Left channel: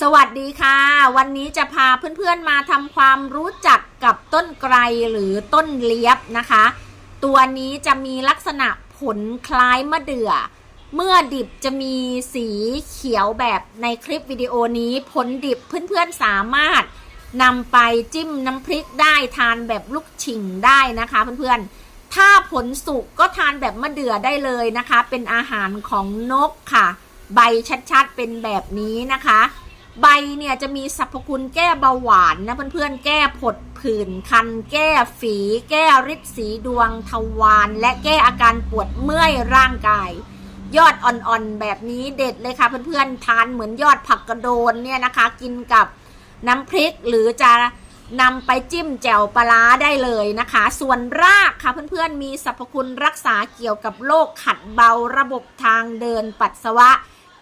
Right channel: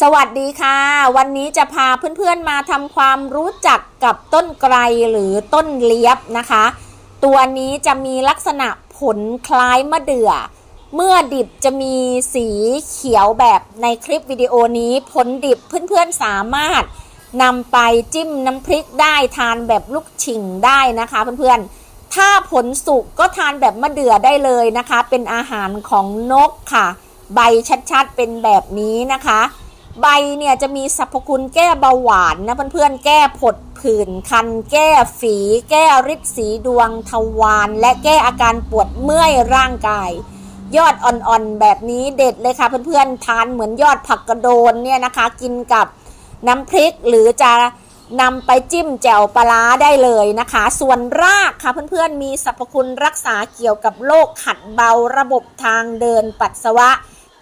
สวัสดีค่ะ วันนี้จะพาเพื่อนๆมาทำความรู้จักกับต้นไกรหรือต้นเลียบนะคะ ตัวนี้จะมีลักษณะผลคล้ายมะเดื่อ เมื่อดิบจะมีสีเขียวแบบในคลิปวิดีโอนี้ ผลดิบเพื่อนๆสามารถนำไปจิ้มน้ำพริกได้ทานแบบลูกชิ่งได้นะคะเพื่อนๆ ถ้าผลสุกก็ทานแบบมะเดื่อได้เลยนะคะ เป็นอาหารของนกค่ะ ใบชัดๆเป็นแบบนี้นะคะ ใบเนี่ยจะมีสรรพคุณแก้เบาหวานนะเพื่อนๆ แก้ผดผื่นคัน แก้ฝี แก้ริดสีดวงทวารและแก้อาการปวดเมื่อยร่างกาย ยอดอ่อนๆ แบบนี้เด็ดเลยค่ะเพื่อนๆ ทานเหมือนยอดผักกระโดนเนี่ยนะคะ กินกับน้ำพริกหรือจะนำไปจิ้มแจ่วปลาร้าได้เลยนะคะ ส่วนรากค่ะเพื่อนๆ มีสรรพคุณรักษาเกี่ยวกับโรคขัดเบาระบบทางเดินปัสสาวะ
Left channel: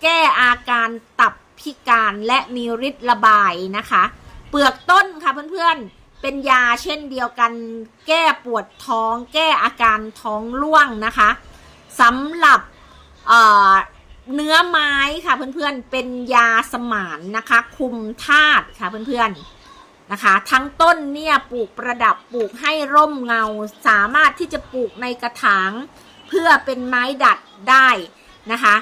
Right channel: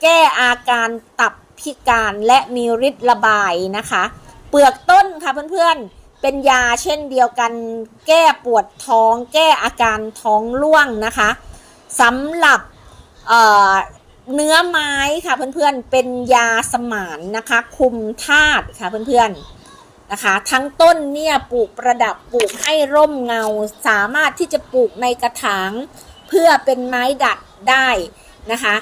แก้อาการตับ พิการและมีฤทธิ์ระบายนะคะ เปลือกต้นค่ะเพื่อนๆ เป็นยาเช่นเดียวกัน แก้ปวดท้อง แก้อาการท้องร่วงนะคะสำหรับเเนื้อไม้ค่ะเพื่อนๆ เป็นยาสมานนะคะ คุมธาตุค่ะเพื่อนๆนะคะ ทั้งต้นเนี่ยปลูกประดับปลูกให้ร่มเงา สามารถที่จะปลูกในกระถาง เพื่อเป็นไม้ดัดได้นะคะ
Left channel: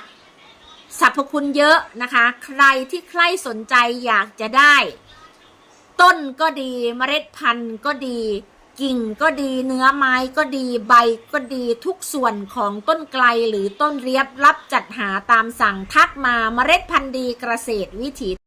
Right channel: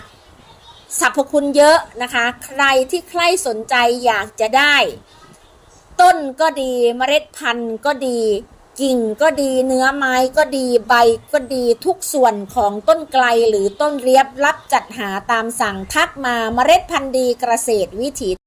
สรรพคุณเยอะนะคะ ใครที่ใครสนใจอยากจะได้ ต้นก็ดีเมล็ดพันธุ์ก็ดี กิ่งก็ดีเนื้อไม้ก็ดีใบก็ดีทุกส่วนของต้นไกลหรือต้นเรียบรับจัดหาตามสั่งทักมาเมล็ดพันธุ์ดีเกษตรวิถี